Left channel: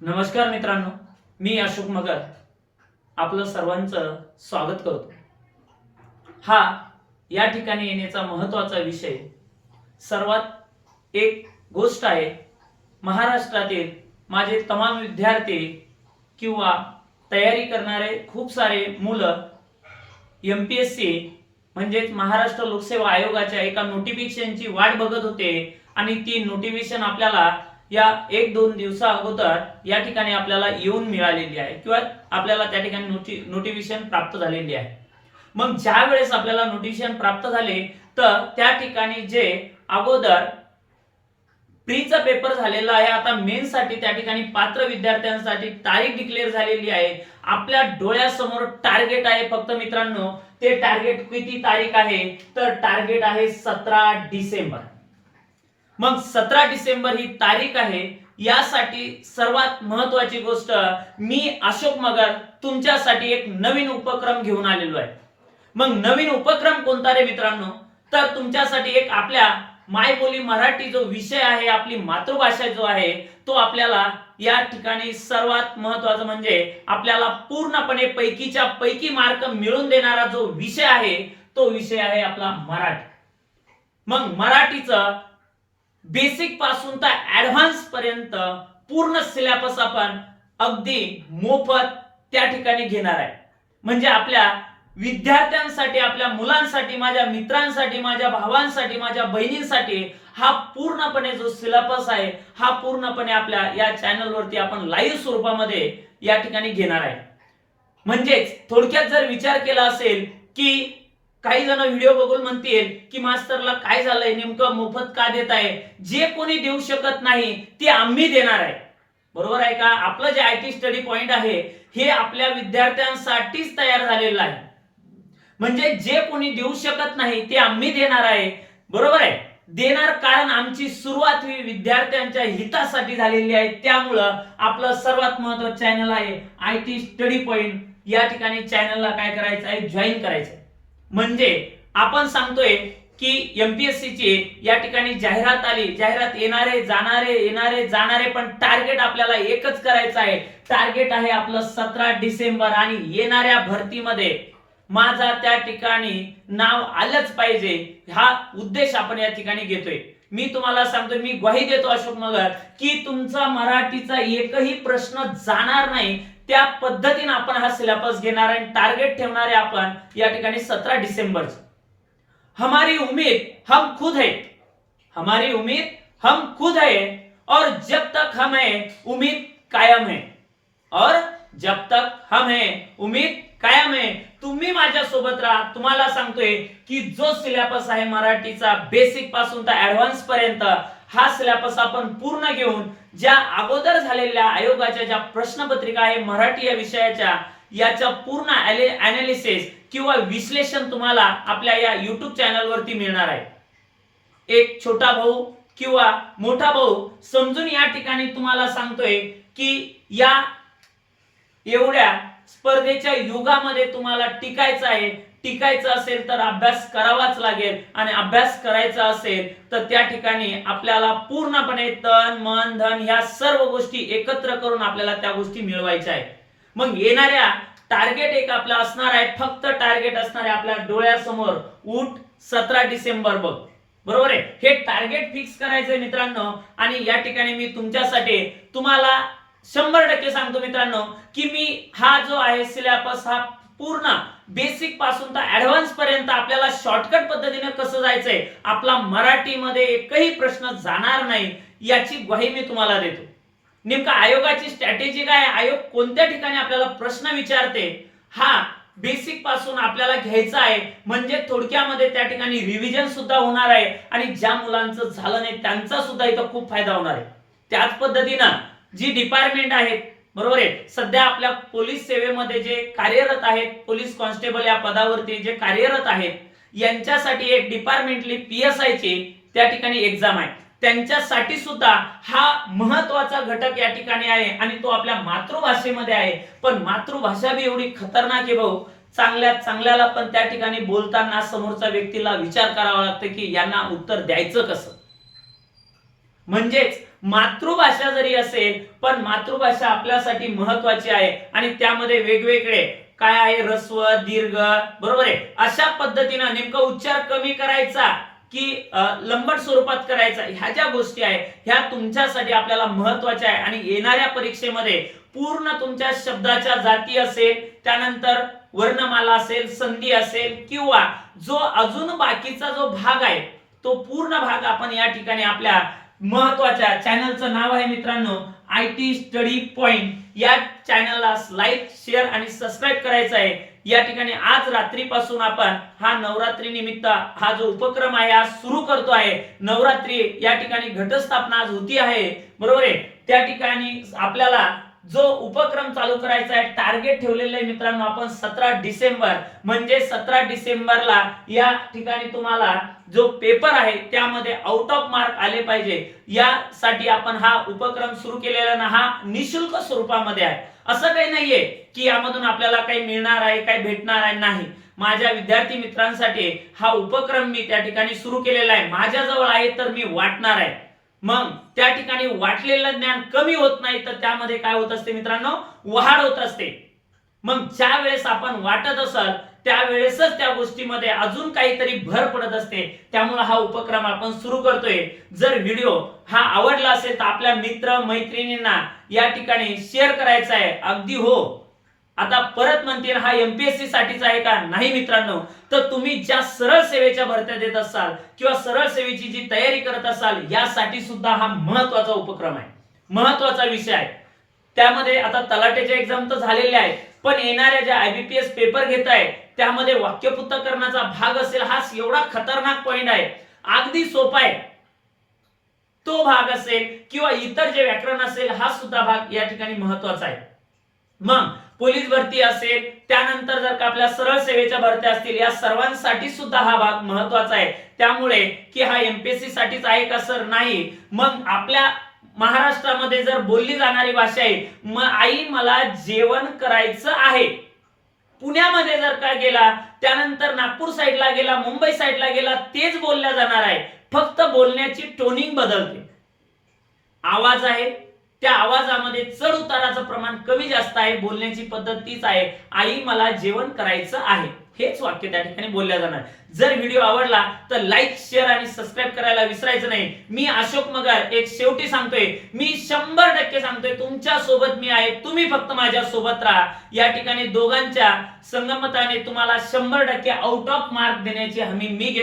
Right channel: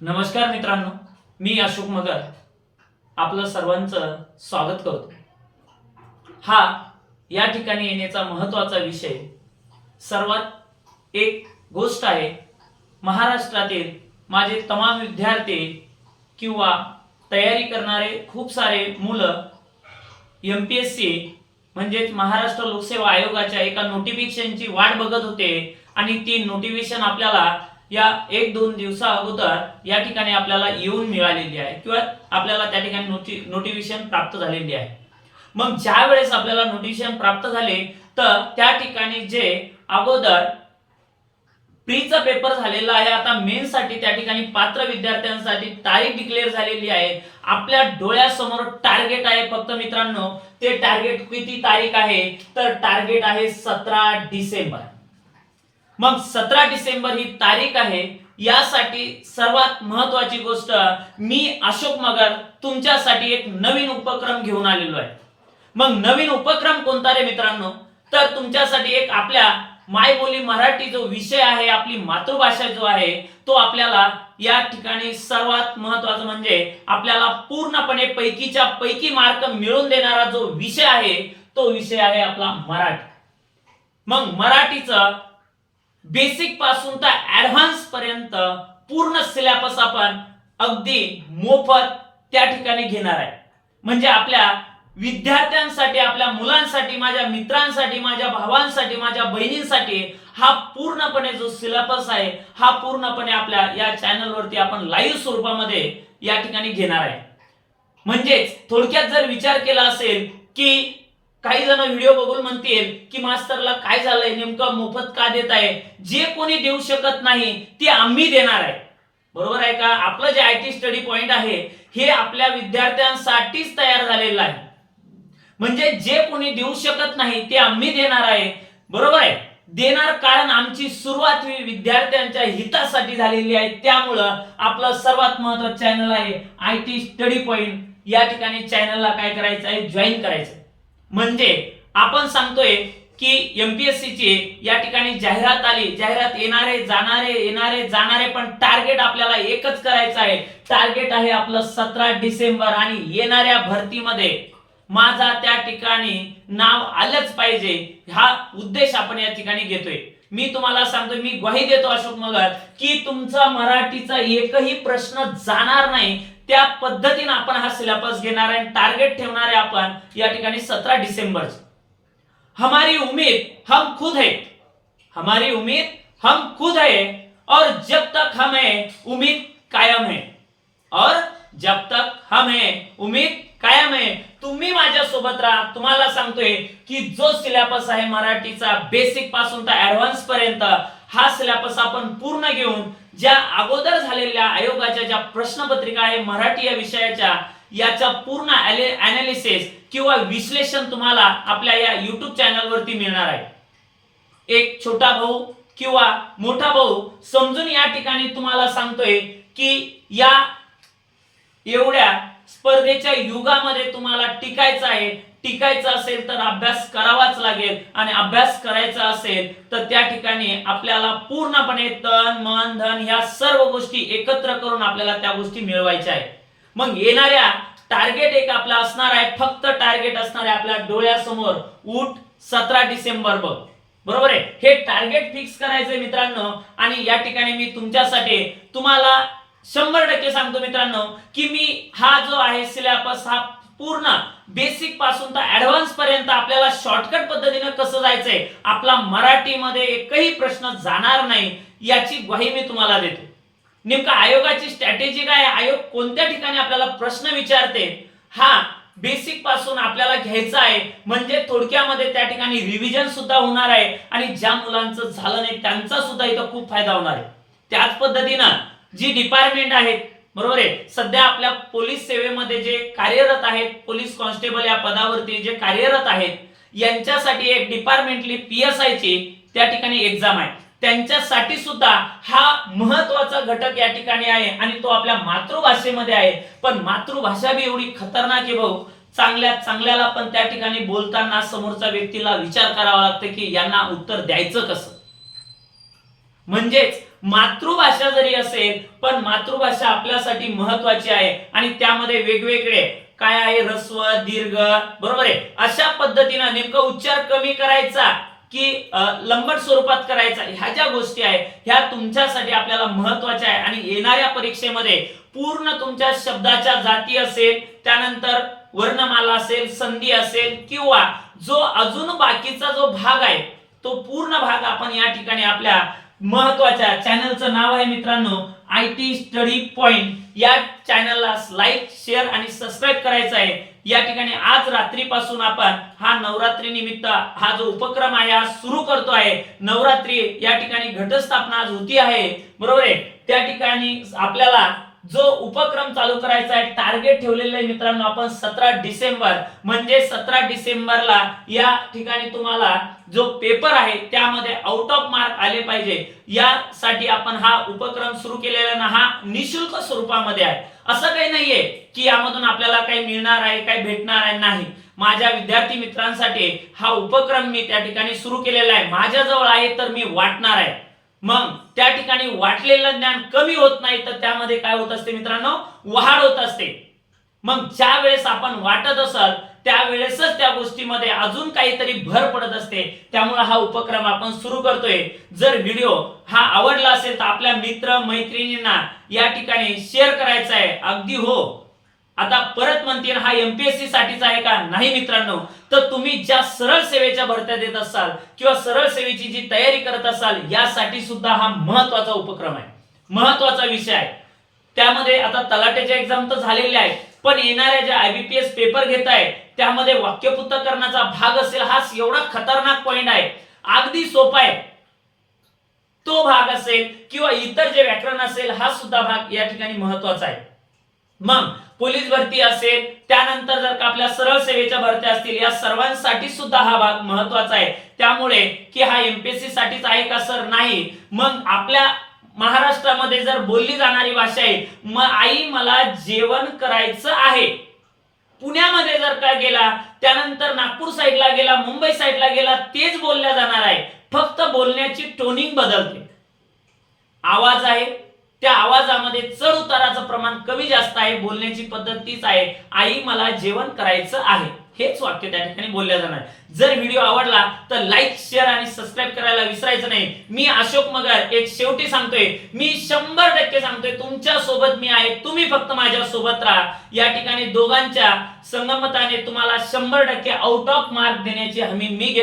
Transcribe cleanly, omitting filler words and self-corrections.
नमस्कार मित्रांनो, मी अशोक मगर आपलं सर्वांचं स्वागत करतो. हा या ठिकाणी येण्याचा महत्त्वाचा विषय सर्वात एक गोष्ट आहे. महाराष्ट्रातील माझे तमाम विद्यार्थी किंवा तयारी करणारे खूप सारे मुलं MPSC म्हणजेच महाराष्ट्र लोकसेवा आयोगाच्या एका नोटिफिकेशनची वाट बघत होते आणि ती नोटिफिकेशन आपल्याला या 1-2 दिवसा अगोदर या ठिकाणी आपल्याला येऊन मिळालेली आहे किंवा आपल्याला त्या ठिकाणी नोटिफिकेशन प्राप्त झालेली आहे. मग ज्या वेळेस आपल्याला नोटिफिकेशन प्राप्त झाले तर त्या ठिकाणी जे अगोदर प्रीचा पेपर झालेला आहे, आता मेन साठी त्या ठिकाणी पात्र विद्यार्थ्यांसाठी तारीख डिक्लेअर झालेली आहे. आपल्या डोळ्यासमोर टार्गेट आहे. फक्त मित्रांनो, ते टार्गेट किती तारीख आहे तर टार्गेट आहे 17 डिसेंबर. मग 17 डिसेंबर ही तारीख आहे. यासाठी सर्वात महत्वाची गोष्ट, मी अशोक मगर तुमच्यासाठी एक नवीन उपक्रम घेऊन आलेलो आहे. मग नवीन उपक्रम कोणता रे मित्रांनो, तर तुमच्यासाठी एक आपल्या मायबोली मराठी जो विषय आहे, आपली मातृभाषा जो आहे, तो आपल्याला या ठिकाणी सर्वात महत्वाचं म्हणजे आपल्याला पूर्णपणे पैकीच्या पैकी मार्क मिळवून देणारा जो विषय आहे तो विषय आहे आपला मराठी. मग मराठीचं बेसिक पासून तर ऍडव्हान्स पर्यंत पूर्ण सिलेबस आपण अगदी मोफत त्या ठिकाणी घेणार आहे. म्हणजे आपल्या विद्यार्थ्यांसाठी, आपल्या मुलांसाठी, माझ्या मित्रांसाठी, माझ्या भावांसाठी, माझ्या बहिणींसाठी हा पूर्णपणे जो सिलेबस आहे हा पूर्णपणे आपल्या या चॅनल वरती आपण लाईव्ह स्वरूपामध्ये या ठिकाणी घेणार आहे. म्हणजेच थोडक्यात जर विचार केला असेल की काही जण व्हिडिओ बघून म्हणतील की मास्टरला काय झालंय, नेमकं मोफत का देत आहे, जे कोणी देऊ शकत नाही ते आम्ही देणार आहे. बरोबर आहे का? आपलं जे IT स्टडी पॉइंट आहे हे आपल्या विद्यार्थ्यांसाठीच तयार झालेलं आहे. म्हणजे जे कोणी देऊ शकत नाही ते आम्ही देणार आहे. बरोबर आहे? देणार कारण आमची सुरुवात ही विद्यार्थ्यांच्या हितासाठी झालेली आहे. त्यामुळं आपलं सर्वात महत्त्वाचं चॅनल आहे IT स्टडी पॉइंट. या ठिकाणी चॅनलला काय करायचं आहे, जॉईन करायचं. म्हणजे आपण सांगतोय की MPSC ची या ठिकाणी जाहिरात आली, जाहिरात येणारे जाणारे, पण टार्गेट आपल्याला एकच करायचं आहे. टार्गेट आहे आपलं 17 डिसेंबर आणि येणाऱ्या भरतीमध्ये माझा त्या ठिकाणी नाव आलंच पाहिजे, हा उद्देश आपण या ठिकाणी घेतोय. मी तुम्हाला सांगतोय, मी ग्वाही देतो अशोक मगर की तुमचा मराठीचा एकही प्रश्न जाणार नाही. त्या पद्धतीने आपण हा सिलेबस घेणार आहे. टार्गेट ठेवणार आहे आपण या ठिकाणी 17 डिसेंबर. हमारी उम्मीद हम खुद है, हमारी उम्मीद हम खुद है, और जब तक हम है उम्मीद कायम है, और जब तक हम है उम्मीद कायम है. तुम्ही माझ्या सोबत राहा. तुम्हाला सांगतोय की जो सिलेबस आहे मराठीचा बेसिक पासून तर ऍडव्हान्स पर्यंत हा सिलेबस आपण पूर्ण घेऊन ज्या अगोदर झालेल्या आयोगाच्या ज्या प्रश्नपत्रिका आहे मराठी या विषयाच्या, याचा पूर्ण ॲनालिसिस किंवा विश्लेषण तुम्हाला आपल्या या YouTube चॅनल वरती मिळणार आहे. एक छोटा भाऊ किंवा मोठा भाऊ समजून या ठिकाणी तुम्हाला सांगतोय की या एवढ्या स्पर्धेच्या युगामध्ये तुम्हाला टिकायचं आहे. टिकायचं असेल तर अभ्यास करावाच लागेल, आणि अभ्यास करायचा असेल तर त्या ठिकाणी आपल्याला पूर्णपणे तन मन धन ह्या सर्व गोष्टी एकत्र करून आपल्याला त्या गोष्टी मिळवायच्या आहेत. मग येणाऱ्या टार्गेट एक आपला असणार आहे, फक्त टार्गेट असणार आहे आपल्या डोळ्यासमोर, उठ 17 डिसेंबर बघ. बरोबर आहे? हे टार्गेट फिक्स करायचंय मित्रांनो. आणि या ठिकाणी मी तुमच्यासाठी तुम्हाला 100% सांगतो मित्रांनो की मी हा जो आहे सिलेबस हा पूर्ण बेसिक पासून तर ऍडव्हान्स पर्यंत आपल्याला शॉर्टकट पद्धतीने कसं जायचंय, आपला मराठीमध्ये एकही प्रश्न जाणार नाही याची ग्वाही मी तुम्हाला देतो. नेमका आयोगाची स्ट्रॅटेजी काय आहे, आयोग कोणत्या ठिकाणी आपल्याला प्रश्न विचारते, हा बेसिक पासून आपल्याला घ्यायचा आहे. म्हणजे थोडक्यामध्ये त्या ठिकाणी रिव्हिजन सुद्धा होणार आहे आणि ज्या मुलांचं झालं नाही त्यांचा सुद्धा इथं खूप फायदा होणार आहे. त्याच पद्धतीनं जी डिपार्टमेंट आहेत, बरोबर आहे, सध्या आपल्या पोलीस सेवेमध्ये जे कार्यरत आहेत, पोलीस कॉन्स्टेबल या पदावरती जे कार्यरत आहेत, यांच्यासाठी एक डिपार्टमेंटली PSI ची त्या ठिकाणी एक्झाम आहे. त्यांच्यासाठी सुद्धा हा महत्त्वाचा घटक या ठिकाणी आहे आणि तो आपल्या मातृभाषेमध्ये आहे. पण मातृभाषा बी एवढी खतरनाक आहे भाऊ, चांगल्याला पण त्या ठिकाणी बोलताना समोरच्या व्यक्तीला विचार करावा लागतो की यांना उत्तर द्यायचं कसं. म्हणजेच मातृभाषा जरी असेल पण मातृभाषा आपल्यासाठी महत्वाची आहे आणि त्यामध्ये वेगवेगळे काय आहे ऱ्हस्व दीर्घ बरोबर आहे अशा पद्धतीने नेमका उच्चार कमी करायचा की लंबट स्वरूपात करायचा ह्या ज्या गोष्टी आहे ह्या तुमच्यासाठी आपल्याला महत्वाच्या आहे आणि येणाऱ्या परीक्षेमध्ये पूर्ण तुमच्या शब्दाच्या जाती असेल त्यानंतर वर्णमाला असेल संधी असेल किंवा जो अजून बाकीचा जो भाग आहे तो पूर्ण भाग आपण या ठिकाणी आपल्या महत्वाच्या चॅनलचं नाव आहे मित्रांनो IT स्टडी पॉइंट या चॅनलला लाईक शेअर आणि सबस्क्राईब करायचं आहे या ठिकाणी आज रात्रीपासून आपण हा नवरात्री निमित्त हा जो उपक्रम आहे हा सुरू करतो आहे नवरात्री या ठिकाणी घटस्थापना आज होती आहे बरोबर आहे त्या ठिकाणी आपल्याला जो उपक्रम चालू करायचा आहे टार्गेट ठेवलेलं आहे मित्रांनो आपण 17 डिसेंबर म्हणजे 17 डिसेंबरला या ठिकाणी तुम्हाला जो पेपर आहे त्यामध्ये आउट ऑफ मार्क आले पाहिजे यासाठी आपण हा उपक्रम सुरू केलेला ना हा निशुल्क स्वरूपामध्ये आहे असं काही नाहीये की यामधून आपल्याला काही मिळणार आहे काही भेटणार आहे नाही माझ्या विद्यार्थी मित्रांसाठी हा उपक्रम मी त्या ठिकाणी सुरू केलेला आहे माझ्याजवळ आहे तर मी वाटणार आहे मग त्या ठिकाणी वाटलेलं ज्ञान कमी होत नाही तर त्यामध्ये काय होत असते मित्रांनो वाढ होत असते मग ज्या वेळेस आपण वाटत असाल त्यावेळेसच त्या गोष्टीमध्ये अजून काहीतरी भर पडत असते त्यामुळे हा उपक्रम आपण सुरू करतोय जर व्हिडिओ हा आवडला असेल तर आपल्या मित्र मैत्रिणींना या ठिकाणी शेअर करायचा आहे अगदी हो आता परत म्हणतील हा MPSC साठीच आहे का नाही मित्रांनो तर तुम्ही ज्या सरळ सेवेच्या भरत्या देत असाल किंवा सरळ सेवेची जी तयारी करत असाल यासाठी सुद्धा हा महत्वाचा उपक्रम आहे महत्वाचा विषय आहे त्यामध्ये आता तलाठ्याच्या एक्झाम तर झालेल्या आहेत पण येणाऱ्या ज्या IBPS पेपर घेत आहे त्यामध्ये वाक्यपुत्तकरणाचा भाग असेल हा एवढा खतरनाक पॉइंट आहे अगदी सोपा आहे तो भाग असेल किंवा इतर जे व्याकरण असेल हा सुद्धा भाग या ठिकाणी महत्वाचा आहे मग पोलीस भरती असेल त्यानंतर जर का आपल्या सरळ सेवेच्या भरत्या असतील या सर्वांसाठी सुद्धा हा भाग महत्वाचा आहे त्यामुळे की हा MPSC साठीच आहे का सर नाही मग आपल्या महाराष्ट्रामध्ये जर बोलली जाणारी भाषा आहे मग आई मला जेवण करायचं आहे पुण्यामध्ये जर का गेला त्यानंतर नागपूर साइडला गेला मुंबई साइडला गेला तेच बोलल्या जाणार आहे फक्त बोलण्याची टोनिंग बदलते आवाज आहे त्या आवाजामध्ये चढ उताराचं प्रमाण कमी जास्त आहे बोलण्याची पद्धत तीच आहे आई मला जेवण करायचं आहे हेच वाक्य त्या ठिकाणी बोलल्या जाणार जर व्हिडिओ आवडला तर लाईक शेअर आणि सबस्क्राईब करायला विसरायचं नाही मी अशोक मगर एक शेवटी सांगतोय मी 100% सांगतोय तुमच्या सोबत मी आहे तुम्ही फक्त माझ्या सोबत राहा या ठिकाणी दोघांच्या संगमताने तुम्हाला 100% आउट ऑफ मार्क देण्याची हमी मी